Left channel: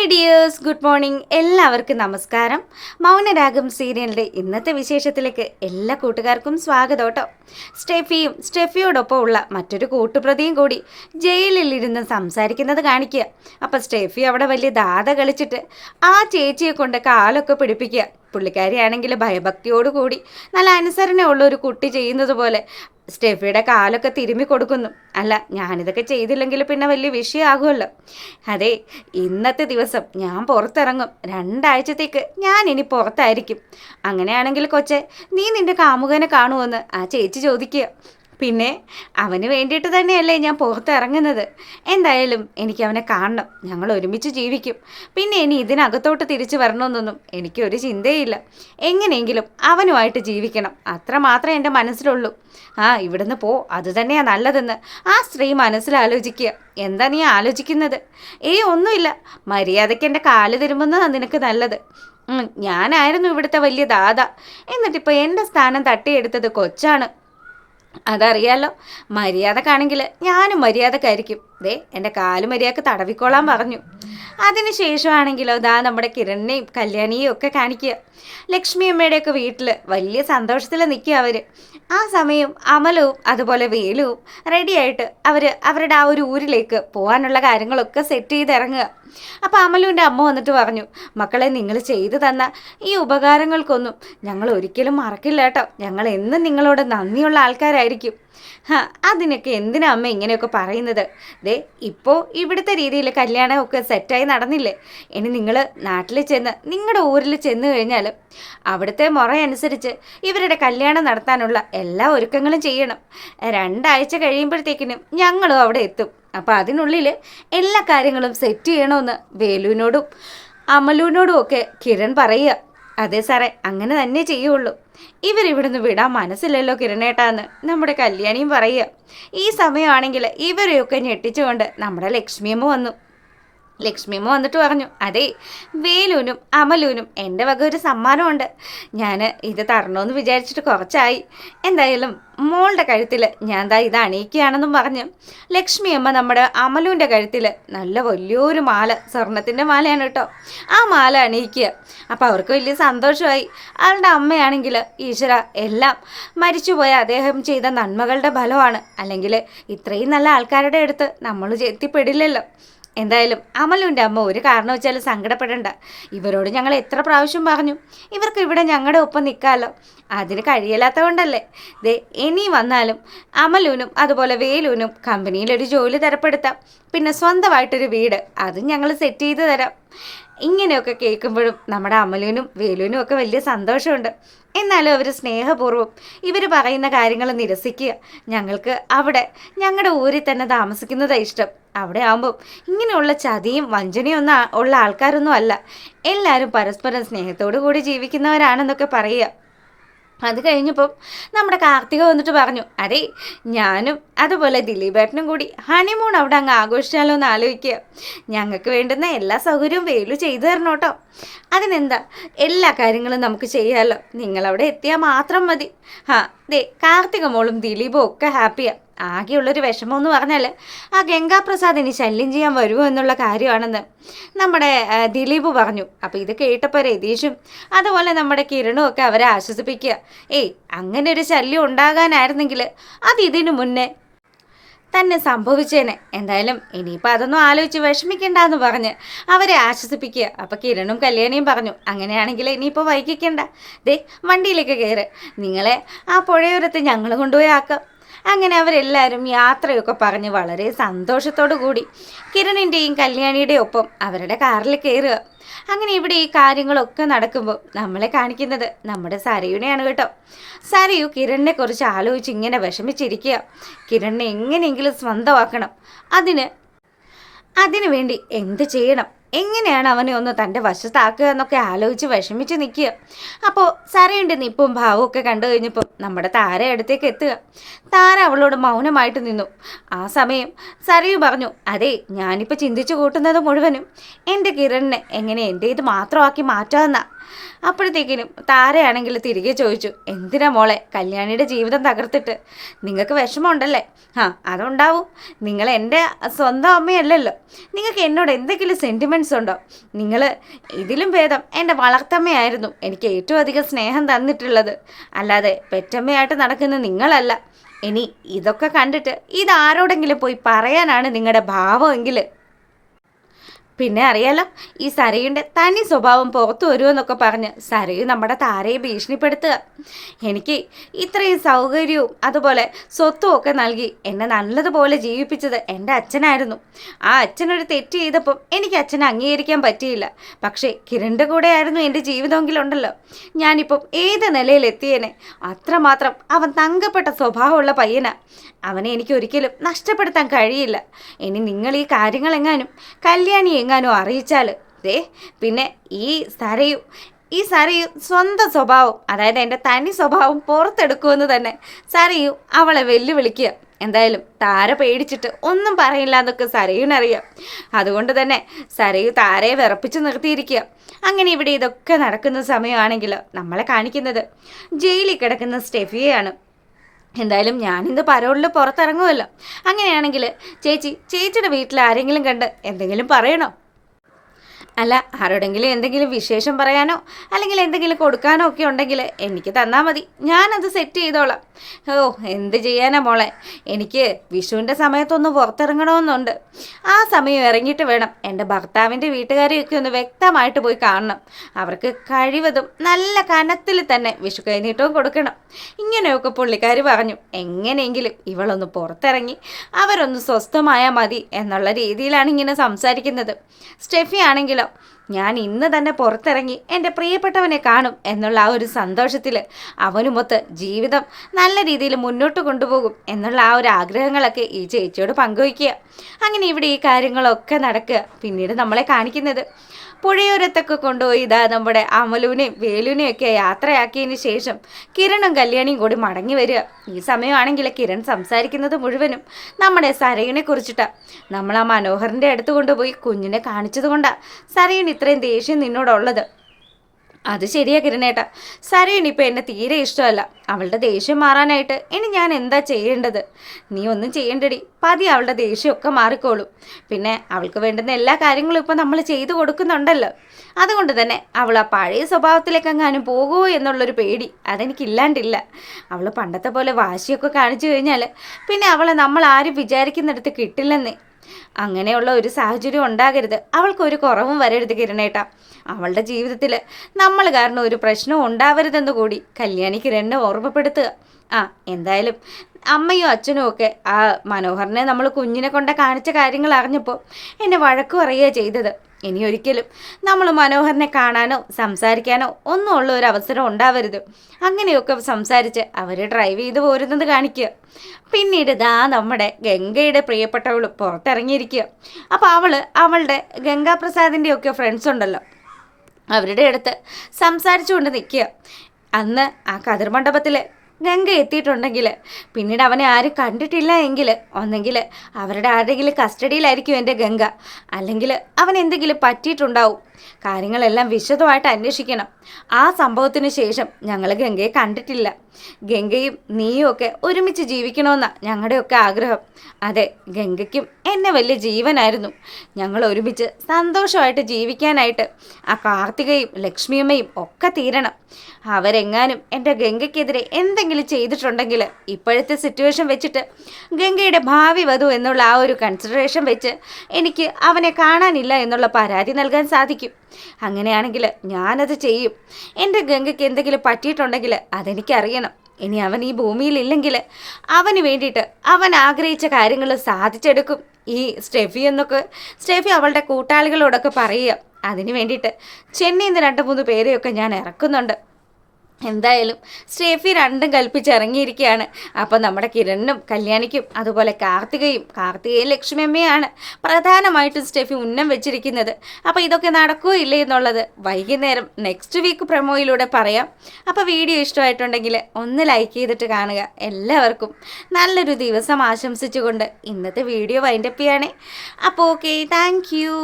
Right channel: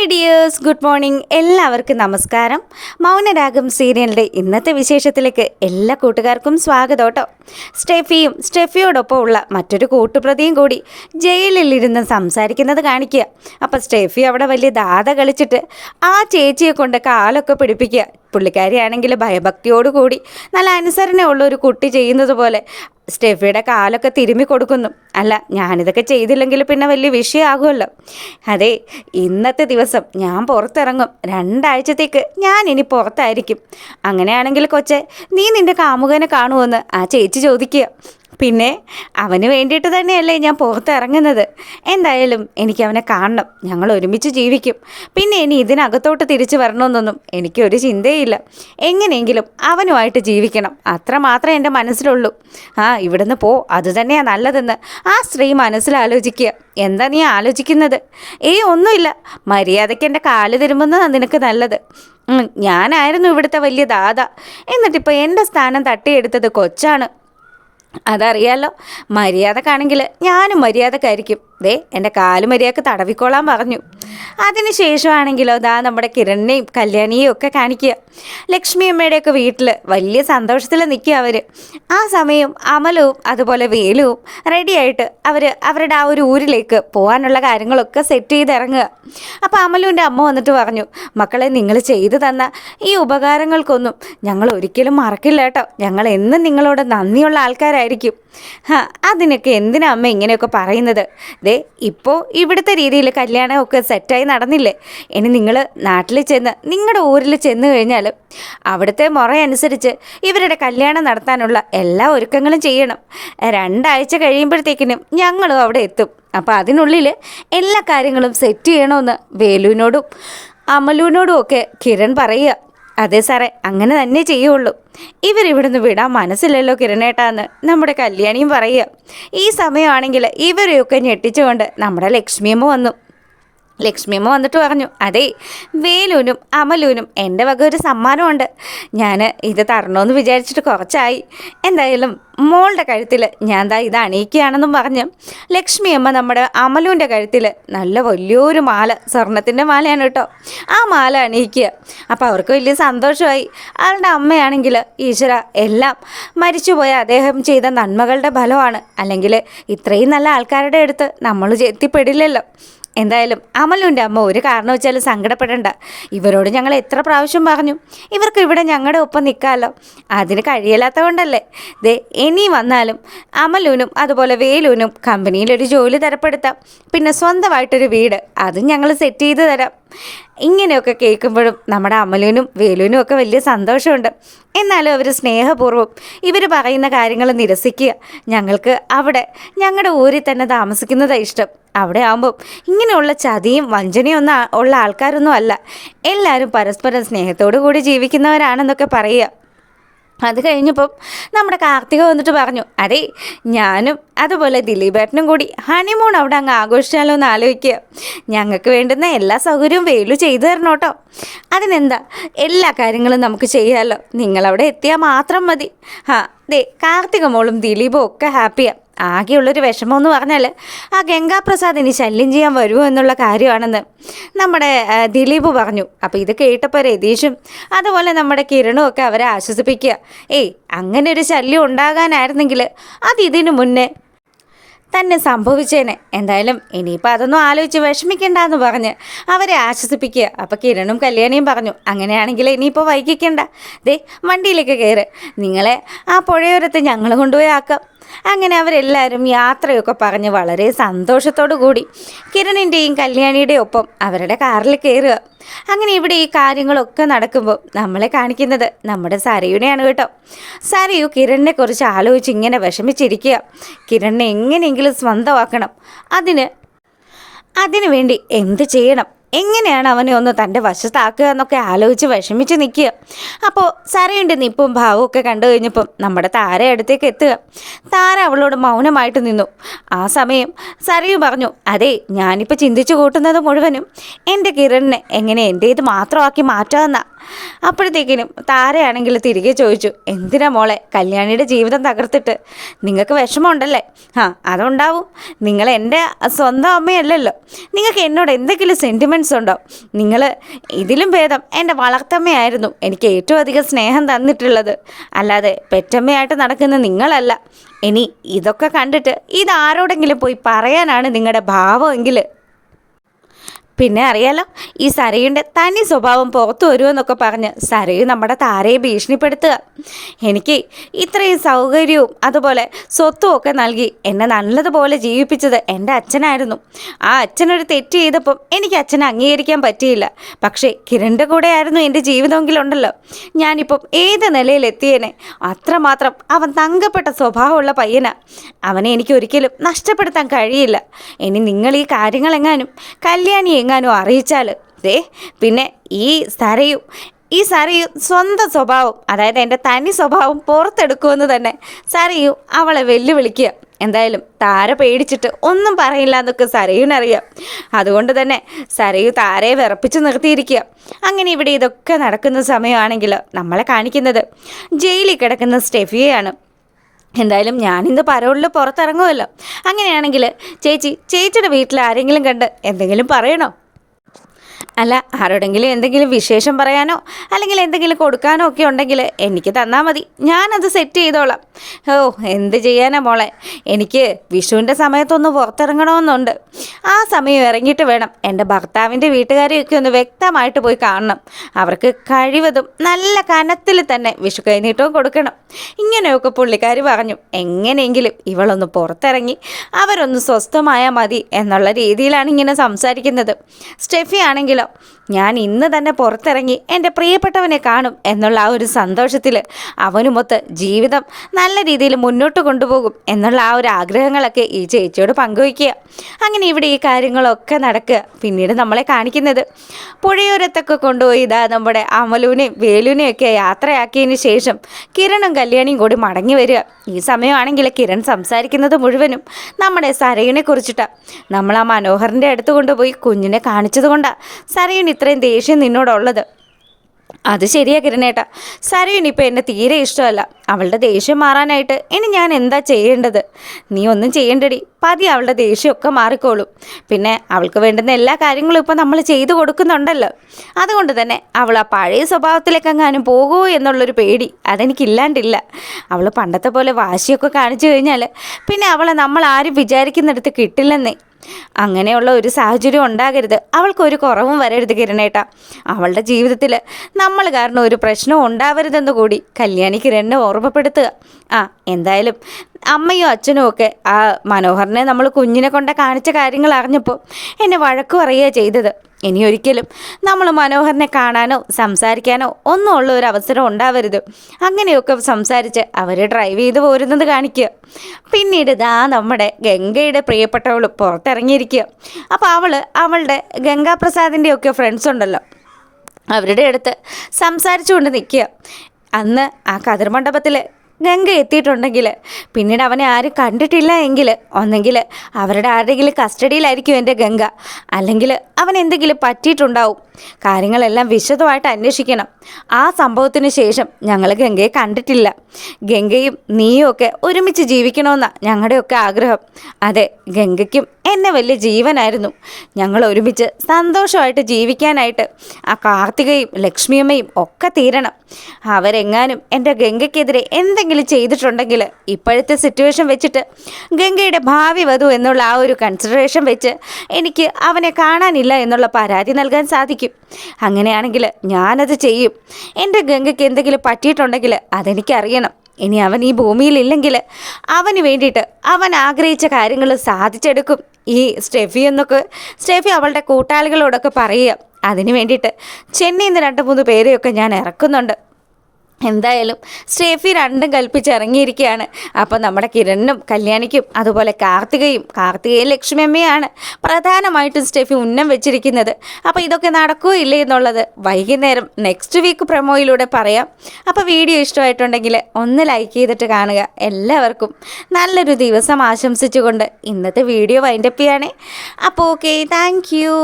Hi dears, good morning. എല്ലാവർക്കും നമസ്കാരം. മൗനരാഗം സീരിയലിൻ്റെ ഇന്നത്തെ വിശേഷത്തിലേക്ക് എല്ലാ കൂട്ടുകാർക്കും സ്വാഗതം കേട്ടോ. സ്റ്റെഫിയോടൊപ്പം ഉള്ള മറ്റൊരു കൂട്ടുപ്രതിയും കൂടി ജയിലിലിരുന്ന് സംസാരിക്കുന്നത് കാണിക്കുക. അപ്പോൾ സ്റ്റെഫി അവിടെ വലിയ ദാത കളിച്ചിട്ട് ആ ചേച്ചിയെ കൊണ്ട് കാലൊക്കെ പിടിപ്പിക്കുക. പുള്ളിക്കാരിയാണെങ്കിൽ ഭയഭക്തിയോടുകൂടി നല്ല അനുസരണയുള്ള ഒരു കുട്ടി ചെയ്യുന്നത് പോലെ സ്റ്റെഫിയുടെ കാലൊക്കെ തിരുമ്മി കൊടുക്കുന്നു. അല്ല, ഞാനിതൊക്കെ ചെയ്തില്ലെങ്കിൽ പിന്നെ വലിയ വിഷയമാകുമല്ലോ. അതെ, ഇന്നത്തെ ദിവസം ഞാൻ പുറത്തിറങ്ങും. 2 ആഴ്ചത്തേക്ക് ഞാൻ ഇനി പുറത്തായിരിക്കും. അങ്ങനെയാണെങ്കിൽ കൊച്ചെ, നീ നിൻ്റെ കാമുകനെ കാണുമെന്ന് ആ ചേച്ചി ചോദിക്കുക. പിന്നെ അവന് വേണ്ടിയിട്ട് തന്നെയല്ലേ ഞാൻ പുറത്തിറങ്ങുന്നത്. എന്തായാലും എനിക്ക് അവനെ കാണണം. ഞങ്ങൾ ഒരുമിച്ച് ജീവിക്കും. പിന്നെ ഇനി ഇതിനകത്തോട്ട് തിരിച്ചു വരണമെന്നൊന്നും എനിക്കൊരു ചിന്തയില്ല. എങ്ങനെയെങ്കിലും അവനുമായിട്ട് ജീവിക്കണം, അത്ര മാത്രമേ എൻ്റെ മനസ്സിലുള്ളൂ. ഇവിടുന്ന് പോ, അതുതന്നെയാണ് നല്ലതെന്ന് ആ സ്ത്രീ മനസ്സിലാലോചിക്കുക. എന്താ നീ ആലോചിക്കുന്നത്? ഒന്നുമില്ല, മര്യാദയ്ക്ക് എൻ്റെ കാല് തിരുമ്പുന്നതാണ് നിനക്ക് നല്ലത്. ഞാനായിരുന്നു ഇവിടുത്തെ വലിയ ദാദ. എന്നിട്ടിപ്പോൾ എൻ്റെ സ്ഥാനം തട്ടിയെടുത്തത് കൊച്ചാണ്. അതറിയാലോ. മര്യാദക്കാണെങ്കിൽ ഞാനും മര്യാദക്കായിരിക്കും. എൻ്റെ കാല് മര്യാദക്ക് തടവിക്കോളാൻ പറഞ്ഞു. അതിന് ശേഷമാണെങ്കിലോ നമ്മുടെ കിരണിനെയും കല്യാണിയെയും ഒക്കെ കാണിക്കുക. ലക്ഷ്മി അമ്മയുടെയൊക്കെ വീട്ടിൽ വലിയ സന്തോഷത്തിൽ നിൽക്കുക അവർ. ആ സമയം അമലവും അതുപോലെ വേലുവും റെഡിയായിട്ട് അവരുടെ ആ ഒരു ഊരിലേക്ക് പോകാനുള്ള കാര്യങ്ങളൊക്കെ സെറ്റ് ചെയ്തിറങ്ങുക. അപ്പോൾ അമലുവിൻ്റെ അമ്മ വന്നിട്ട് പറഞ്ഞു, മക്കളെ, നിങ്ങൾ ചെയ്തു തന്ന ഈ ഉപകാരങ്ങൾക്കൊന്നും ഞങ്ങൾ ഒരിക്കലും മറക്കില്ല കേട്ടോ. ഞങ്ങൾ എന്നും നിങ്ങളോട് നന്ദിയുള്ള ആൾക്കാരായിരിക്കും. അതിനൊക്കെ എന്തിനാ അമ്മ ഇങ്ങനെയൊക്കെ പറയുന്നത്? ഇപ്പോൾ ഇവിടുത്തെ രീതിയിൽ കല്യാണമൊക്കെ സെറ്റായി നടന്നില്ലേ? ഇനി നിങ്ങൾ നാട്ടിൽ ചെന്ന് നിങ്ങളുടെ ഊരിൽ ചെന്ന് കഴിഞ്ഞാൽ അവിടുത്തെ മുറയനുസരിച്ച് ഇവരുടെ കല്യാണം നടത്താനുള്ള എല്ലാ ഒരുക്കങ്ങളും ചെയ്യണം. 2 ആഴ്ച കഴിയുമ്പോഴത്തേക്കിനും ഞങ്ങളും അവിടെ എത്തും. അപ്പോൾ അതിനുള്ളിൽ എല്ലാ കാര്യങ്ങളും സെറ്റ് ചെയ്യണമെന്ന് വേലുവിനോടും അമലുവിനോടും ഒക്കെ കിരൺ പറയുക. അതെ സാറേ, അങ്ങനെ തന്നെ ചെയ്യുള്ളൂ. ഇവരിവിടുന്ന് വിടാൻ മനസ്സില്ലല്ലോ കിരണേട്ടാന്ന് നമ്മുടെ കല്യാണിയും പറയുക. ഈ സമയമാണെങ്കിൽ ഇവരെയൊക്കെ ഞെട്ടിച്ചുകൊണ്ട് നമ്മുടെ ലക്ഷ്മിയമ്മ വന്നു. ലക്ഷ്മിയമ്മ വന്നിട്ട് പറഞ്ഞു, അതെ, വേലുവിനും അമലുവിനും എൻ്റെ വക ഒരു സമ്മാനമുണ്ട്. ഞാൻ ഇത് തരണമെന്ന് വിചാരിച്ചിട്ട് കുറച്ചായി. എന്തായാലും മോളുടെ കഴുത്തിൽ ഞാൻ ഇത് അണിയിക്കുകയാണെന്നും പറഞ്ഞ് ലക്ഷ്മിയമ്മ നമ്മുടെ അമലുവിൻ്റെ കഴുത്തിൽ നല്ല വലിയൊരു മാല, സ്വർണത്തിൻ്റെ മാലയാണ് കേട്ടോ, ആ മാല അണിയിക്കുക. അപ്പോൾ അവർക്ക് വലിയ സന്തോഷമായി. അവരുടെ അമ്മയാണെങ്കിൽ, ഈശ്വര, എല്ലാം മരിച്ചുപോയ അദ്ദേഹം ചെയ്ത നന്മകളുടെ ഫലമാണ്. അല്ലെങ്കിൽ ഇത്രയും നല്ല ആൾക്കാരുടെ അടുത്ത് നമ്മൾ എത്തിപ്പെടില്ലല്ലോ. എന്തായാലും അമലുവിൻ്റെ അമ്മ ഒരു കാരണം വെച്ചാലും സങ്കടപ്പെടണ്ട. ഇവരോട് ഞങ്ങൾ എത്ര പ്രാവശ്യം പറഞ്ഞു, ഇവർക്ക് ഇവിടെ ഞങ്ങളുടെ ഒപ്പം നിൽക്കാമല്ലോ. അതിന് കഴിയലാത്തത് കൊണ്ടല്ലേ. ഇനി വന്നാലും അമലുവിനും അതുപോലെ വേലുവിനും കമ്പനിയിലൊരു ജോലി തരപ്പെടുത്താം. പിന്നെ സ്വന്തമായിട്ടൊരു വീട് അതും ഞങ്ങൾ സെറ്റ് ചെയ്ത് തരാം. ഇങ്ങനെയൊക്കെ കേൾക്കുമ്പോഴും നമ്മുടെ അമലുവിനും വേലുവിനും ഒക്കെ വലിയ സന്തോഷമുണ്ട്. എന്നാലും അവർ സ്നേഹപൂർവ്വം ഇവർ പറയുന്ന കാര്യങ്ങൾ നിരസിക്കുക. ഞങ്ങൾക്ക് അവിടെ ഞങ്ങളുടെ ഊരിൽ തന്നെ താമസിക്കുന്നതാണ് ഇഷ്ടം. അവിടെ ആകുമ്പം ഇങ്ങനെയുള്ള ചതിയും വഞ്ചനയും ഒന്നും ഉള്ള ആൾക്കാരൊന്നും അല്ല. എല്ലാവരും പരസ്പരം സ്നേഹത്തോടു കൂടി ജീവിക്കുന്നവരാണെന്നൊക്കെ പറയുക. അത് കഴിഞ്ഞപ്പം നമ്മുടെ കാർത്തിക വന്നിട്ട് പറഞ്ഞു, അതെ, ഞാനും അതുപോലെ ദിലീപേട്ടനും കൂടി ഹണിമൂൺ അവിടെ അങ്ങ് ആഘോഷിച്ചാലോ എന്ന് ആലോചിക്കുക. ഞങ്ങൾക്ക് വേണ്ടുന്ന എല്ലാ സൗകര്യവും വേലു ചെയ്തു തരണം കേട്ടോ. അതിനെന്താ, എല്ലാ കാര്യങ്ങളും നമുക്ക് ചെയ്യാമല്ലോ. നിങ്ങളവിടെ എത്തിയാൽ മാത്രം മതി. കാർത്തിക മോളും ദിലീപും ഒക്കെ ഹാപ്പിയാണ്. ആകെയുള്ളൊരു വിഷമമെന്ന് പറഞ്ഞാൽ ആ ഗംഗാപ്രസാദ് ഇനി ശല്യം ചെയ്യാൻ വരുമോ എന്നുള്ള കാര്യമാണെന്ന് നമ്മുടെ ദിലീപ് പറഞ്ഞു. അപ്പോൾ ഇത് കേട്ടപ്പോൾ രതീഷും അതുപോലെ നമ്മുടെ കിരണും ഒക്കെ അവരെ ആശ്വസിപ്പിക്കുക. അങ്ങനെ ഒരു ശല്യം ഉണ്ടാകാനായിരുന്നെങ്കിൽ ഇതിനു മുന്നേ തന്നെ സംഭവിച്ചേനെ. എന്തായാലും ഇനിയിപ്പോൾ അതൊന്നും ആലോചിച്ച് വിഷമിക്കണ്ടെന്ന് പറഞ്ഞ് അവരെ ആശ്വസിപ്പിക്കുക. അപ്പോൾ കിരണും കല്യാണിയും പറഞ്ഞു, അങ്ങനെയാണെങ്കിൽ ഇനിയിപ്പോൾ വൈകിക്കണ്ട, വണ്ടിയിലേക്ക് കയറ്, നിങ്ങളെ ആ പുഴയോരത്ത് ഞങ്ങൾ കൊണ്ടുപോയി ആക്കാം. അങ്ങനെ അവരെല്ലാവരും യാത്രയൊക്കെ പറഞ്ഞ് വളരെ സന്തോഷത്തോടു കൂടി കിരണിൻ്റെയും കല്യാണിയുടെയും ഒപ്പം അവരുടെ കാറിൽ കയറുക. അങ്ങനെ ഇവിടെ ഈ കാര്യങ്ങളൊക്കെ നടക്കുമ്പോൾ നമ്മളെ കാണിക്കുന്നത് നമ്മുടെ സരയുനെയാണ് കേട്ടോ. സരയു കിരണിനെ കുറിച്ച് ആലോചിച്ച് ഇങ്ങനെ വിഷമിച്ചിരിക്കുക. കിരണിനെ എങ്ങനെയെങ്കിലും സ്വന്തമാക്കണം. അതിനു വേണ്ടി എന്ത് ചെയ്യണം, എങ്ങനെയാണ് അവനെ ഒന്ന് തൻ്റെ വശത്താക്കുക എന്നൊക്കെ ആലോചിച്ച് വിഷമിച്ച് നിൽക്കുക. അപ്പോൾ സരയുടെ നിപ്പും ഭാവവും ഒക്കെ കണ്ടു കഴിഞ്ഞപ്പം നമ്മുടെ താര അടുത്തേക്ക് എത്തുക. താര അവളോട് മൗനമായിട്ട് നിന്നു. ആ സമയം സരയു പറഞ്ഞു, അതെ, ഞാനിപ്പോൾ ചിന്തിച്ചു കൂട്ടുന്നത് മുഴുവനും എൻ്റെ കിരണിനെ എങ്ങനെ എൻ്റേത് മാത്രമാക്കി മാറ്റാമെന്നാണ്. അപ്പോഴത്തേക്കിനും താരയാണെങ്കിൽ തിരികെ ചോദിച്ചു, എന്തിനാ മോളെ കല്യാണിയുടെ ജീവിതം തകർത്തിട്ട്? നിങ്ങൾക്ക് വിഷമമുണ്ടല്ലേ? അതുണ്ടാവും. നിങ്ങൾ എൻ്റെ സ്വന്തം അമ്മയല്ലല്ലോ. നിങ്ങൾക്ക് എന്നോട് എന്തെങ്കിലും സെൻറ്റിമെൻറ്റ്സ് ഉണ്ടോ? നിങ്ങൾ ഇതിലും ഭേദം എൻ്റെ വളർത്തമ്മയായിരുന്നു എനിക്ക് ഏറ്റവും അധികം സ്നേഹം തന്നിട്ടുള്ളത്, അല്ലാതെ പെറ്റമ്മയായിട്ട് നടക്കുന്ന നിങ്ങളല്ല. ഇനി ഇതൊക്കെ കണ്ടിട്ട് ഇതാരോടെങ്കിലും പോയി പറയാനാണ് നിങ്ങളുടെ ഭാവമെങ്കിൽ പിന്നെ അറിയാലോ, ഈ സരയുടെ തനി സ്വഭാവം പുറത്തു വരുമെന്നൊക്കെ പറഞ്ഞ് സരയു നമ്മുടെ താരയെ ഭീഷണിപ്പെടുത്തുക. എനിക്ക് ഇത്രയും സൗകര്യവും അതുപോലെ സ്വത്തും ഒക്കെ നൽകി എന്നെ നല്ലതുപോലെ ജീവിപ്പിച്ചത് എൻ്റെ അച്ഛനായിരുന്നു. ആ അച്ഛനൊരു തെറ്റ് ചെയ്തപ്പം എനിക്ക് അച്ഛനെ അംഗീകരിക്കാൻ പറ്റിയില്ല. പക്ഷേ കിരണിൻ്റെ കൂടെ ആയിരുന്നു എൻ്റെ ജീവിതമെങ്കിലുണ്ടല്ലോ, ഞാനിപ്പം ഏത് നിലയിലെത്തിയേനെ. അത്രമാത്രം അവൻ തങ്കപ്പെട്ട സ്വഭാവമുള്ള പയ്യനാ. അവനെ എനിക്ക് ഒരിക്കലും നഷ്ടപ്പെടുത്താൻ കഴിയില്ല. ഇനി നിങ്ങൾ ഈ കാര്യങ്ങളെങ്ങാനും കല്യാണി എങ്ങാനും അറിയിച്ചാൽ പിന്നെ ഈ സരയു സ്വന്തം സ്വഭാവം, അതായത് എൻ്റെ തനി സ്വഭാവം പുറത്തെടുക്കുമെന്ന് തന്നെ സരയു അവളെ വെല്ലുവിളിക്കുക. എന്തായാലും താര പേടിച്ചിട്ട് ഒന്നും പറയില്ല എന്നൊക്കെ സരയുവിനറിയാം. അതുകൊണ്ട് തന്നെ സരയു താരയെ വിറപ്പിച്ച് നിർത്തിയിരിക്കുക. അങ്ങനെ ഇവിടെ ഇതൊക്കെ നടക്കുന്ന സമയമാണെങ്കിൽ നമ്മളെ കാണിക്കുന്നത് ജയിലിൽ കിടക്കുന്ന സ്റ്റെഫിയെയാണ്. എന്തായാലും ഞാനിന്ന് പരോളിൽ പുറത്തിറങ്ങുമല്ലോ. അങ്ങനെയാണെങ്കിൽ ചേച്ചിയുടെ വീട്ടിൽ ആരെങ്കിലും കണ്ട് എന്തെങ്കിലും പറയണോ? അല്ല, ആരോടെങ്കിലും എന്തെങ്കിലും വിശേഷം പറയാനോ അല്ലെങ്കിൽ എന്തെങ്കിലും കൊടുക്കാനോ ഒക്കെ ഉണ്ടെങ്കിൽ എനിക്ക് തന്നാൽ മതി, ഞാനത് സെറ്റ് ചെയ്തോളാം. എന്ത് ചെയ്യാനാ മോളെ, എനിക്ക് വിഷുവിൻ്റെ സമയത്തൊന്ന് പുറത്തിറങ്ങണമെന്നുണ്ട്. ആ സമയം ഇറങ്ങിയിട്ട് വേണം എൻ്റെ ഭർത്താവിൻ്റെ വീട്ടുകാരെയൊക്കെ ഒന്ന് വ്യക്തമായിട്ട് പോയി കാണണം. അവർക്ക് കഴിവതും നല്ല കനത്തിൽ തന്നെ വിഷു കൈനീട്ടവും കൊടുക്കണം. ഇങ്ങനെയൊക്കെ പുള്ളിക്കാർ പറഞ്ഞു. എങ്ങനെയെങ്കിലും ഇവളൊന്ന് പുറത്തിറങ്ങി അവരൊന്ന് സ്വസ്ഥമായാൽ മതി എന്നുള്ള രീതിയിലാണ് ഇങ്ങനെ സംസാരിക്കുന്നത്. സ്റ്റെഫി ആണെങ്കിലോ, ഞാൻ ഇന്ന് തന്നെ പുറത്തിറങ്ങി എൻ്റെ പ്രിയപ്പെട്ടവനെ കാണും എന്നുള്ള ആ ഒരു സന്തോഷത്തിൽ അവനുമൊത്ത് ജീവിതം നല്ല രീതിയിൽ മുന്നോട്ട് കൊണ്ടുപോകും എന്നുള്ള ആ ഒരു ആഗ്രഹങ്ങളൊക്കെ ഈ ചേച്ചിയോട് പങ്കുവയ്ക്കുക. അങ്ങനെ ഇവിടെ ഈ കാര്യങ്ങളൊക്കെ നടക്കുക. പിന്നീട് നമ്മളെ കാണിക്കുന്നത് പുഴയോരത്തൊക്കെ കൊണ്ടുപോയി നമ്മുടെ അമലുവിനെയും വേലുവിനെയും ഒക്കെ യാത്രയാക്കിയതിന് ശേഷം കിരണും കല്യാണിയും കൂടി മടങ്ങി വരിക. ഈ സമയമാണെങ്കിൽ കിരൺ സംസാരിക്കുന്നത് മുഴുവനും നമ്മുടെ സരയിനെ കുറിച്ചിട്ടാണ്. നമ്മൾ ആ മനോഹറിൻ്റെ അടുത്ത് കൊണ്ടുപോയി കുഞ്ഞിനെ കാണിച്ചത് കൊണ്ടാണ് സരയിന് ഇത്രയും ദേഷ്യം നിന്നോടുള്ളത്. അത് ശരിയാ കിരണേട്ടാ, സരയിനിപ്പോൾ എന്നെ തീരെ ഇഷ്ടമല്ല. അവളുടെ ദേഷ്യം മാറാനായിട്ട് ഇനി ഞാൻ എന്താ ചെയ്യേണ്ടത്? നീ ഒന്നും ചെയ്യേണ്ടടി, പതി അവളുടെ ദേഷ്യമൊക്കെ മാറിക്കോളും. പിന്നെ അവൾക്ക് വേണ്ടുന്ന എല്ലാ കാര്യങ്ങളും ഇപ്പോൾ നമ്മൾ ചെയ്തു കൊടുക്കുന്നുണ്ടല്ലോ. അതുകൊണ്ട് തന്നെ അവൾ ആ പഴയ സ്വഭാവത്തിലേക്കെങ്ങാനും പോകുമോ എന്നുള്ളൊരു പേടി അതെനിക്കില്ലാണ്ടില്ല. അവൾ പണ്ടത്തെ പോലെ വാശിയൊക്കെ കാണിച്ചു കഴിഞ്ഞാൽ പിന്നെ അവളെ നമ്മൾ ആരും വിചാരിക്കുന്നിടത്ത് കിട്ടില്ലെന്നേ. അങ്ങനെയുള്ള ഒരു സാഹചര്യം ഉണ്ടാകരുത്. അവൾക്കൊരു കുറവും വരരുത് കിരണേട്ടാ. അവളുടെ ജീവിതത്തിൽ നമ്മൾ കാരണം ഒരു പ്രശ്നവും ഉണ്ടാവരുതെന്ന് കൂടി കല്യാണി കിരണിനെ ഓർമ്മപ്പെടുത്തുക. എന്തായാലും അമ്മയും അച്ഛനും ഒക്കെ ആ മനോഹറിനെ നമ്മൾ കുഞ്ഞിനെ കൊണ്ട് കാണിച്ച കാര്യങ്ങൾ അറിഞ്ഞപ്പോൾ എന്നെ വഴക്കു പറയുക ചെയ്തത്. ഇനിയൊരിക്കലും നമ്മൾ മനോഹറിനെ കാണാനോ സംസാരിക്കാനോ ഒന്നും ഉള്ള ഒരു അവസരം ഉണ്ടാവരുത്. അങ്ങനെയൊക്കെ സംസാരിച്ച് അവർ ഡ്രൈവ് ചെയ്ത് പോരുന്നത് കാണിക്കുക. പിന്നീട് നമ്മുടെ ഗംഗയുടെ പ്രിയപ്പെട്ടവൾ പുറത്തിറങ്ങിയിരിക്കുക. അപ്പോൾ അവളുടെ ഗംഗാപ്രസാദിൻ്റെ ഒക്കെ ഫ്രണ്ട്സ് ഉണ്ടല്ലോ, അവരുടെ അടുത്ത് സംസാരിച്ചുകൊണ്ട് നിൽക്കുക. അന്ന് ആ കതിർമണ്ഡപത്തിൽ ഗംഗ എത്തിയിട്ടുണ്ടെങ്കിൽ പിന്നീട് അവനെ ആരും കണ്ടിട്ടില്ല എങ്കിൽ ഒന്നെങ്കിൽ അവരുടെ ആരുടെയെങ്കിലും കസ്റ്റഡിയിലായിരിക്കും എൻ്റെ ഗംഗ, അല്ലെങ്കിൽ അവൻ എന്തെങ്കിലും പറ്റിയിട്ടുണ്ടാവും. കാര്യങ്ങളെല്ലാം വിശദമായിട്ട് അന്വേഷിക്കണം. ആ സംഭവത്തിന് ശേഷം ഞങ്ങൾ ഗംഗയെ കണ്ടിട്ടില്ല. ഗംഗയും നീയും ഒക്കെ ഒരുമിച്ച് ജീവിക്കണമെന്നാണ് ഞങ്ങളുടെയൊക്കെ ആഗ്രഹം. അതെ, ഗംഗയ്ക്കും എന്നെ വലിയ ജീവനായിരുന്നു. ഞങ്ങൾ ഒരുമിച്ച് സന്തോഷമായിട്ട് ജീവിക്കാനായിട്ട് ആ കാർത്തികയും ലക്ഷ്മിയമ്മയും ഒക്കെ തീരണം. അവരെങ്ങാനും എൻ്റെ ഗംഗയ്ക്കെതിരെ എന്തെങ്കിലും ചെയ്തിട്ടുണ്ടെങ്കിൽ ഇപ്പോഴത്തെ സിറ്റുവേഷൻ വെച്ചിട്ട് ഗംഗയുടെ ഭാവി വധു എന്നുള്ള ആ ഒരു കൺസിഡറേഷൻ വെച്ച് എനിക്ക് അവനെ കാണാനില്ല എന്നുള്ള പരാതി നൽകാൻ സാധിക്കും. അങ്ങനെയാണെങ്കിൽ ഞാനത് ചെയ്യും. എൻ്റെ ഗംഗയ്ക്ക് എന്തെങ്കിലും പറ്റിയിട്ടുണ്ടെങ്കിൽ അതെനിക്കറിയണം. ഇനി അവൻ ഈ ഭൂമിയിലില്ലെങ്കിൽ അവന് വേണ്ടിയിട്ട് അവൻ ആഗ്രഹിച്ച കാര്യങ്ങൾ സാധിച്ചെടുക്കും ഈ സ്റ്റെഫി അവളുടെ കൂട്ടാളികളോടൊക്കെ പറയുക. അതിന് വേണ്ടിയിട്ട് ചെന്നൈയിൽ നിന്ന് 2-3 പേരെയൊക്കെ ഞാൻ ഇറക്കുന്നുണ്ട്. എന്തായാലും സ്റ്റെഫി രണ്ടും കൽപ്പിച്ചിറങ്ങിയിരിക്കുകയാണ്. അപ്പോൾ നമ്മുടെ കിരണിനും കല്യാണിക്കും അതുപോലെ കാർത്തികയും ലക്ഷ്മിയമ്മയാണ് പ്രധാനമായിട്ടും സ്റ്റെഫി ഉന്നം വെച്ചിരിക്കുന്നത്. അപ്പോൾ ഇതൊക്കെ നടക്കുമോ ഇല്ലേ എന്നുള്ളത് വൈകുന്നേരം നെക്സ്റ്റ് വീക്ക് പ്രൊമോയിലൂടെ പറയാം. അപ്പോൾ വീഡിയോ ഇഷ്ടമായിട്ടുണ്ടെങ്കിൽ ഒന്ന് ലൈക്ക് ചെയ്തിട്ട് കാണുക. എല്ലാവർക്കും നല്ലൊരു ദിവസം ആശംസിച്ചുകൊണ്ട് ഇന്നത്തെ വീഡിയോ വൈൻഡപ്പ് ചെയ്യാണ്. അപ്പോൾ ഓക്കെ, താങ്ക് യു.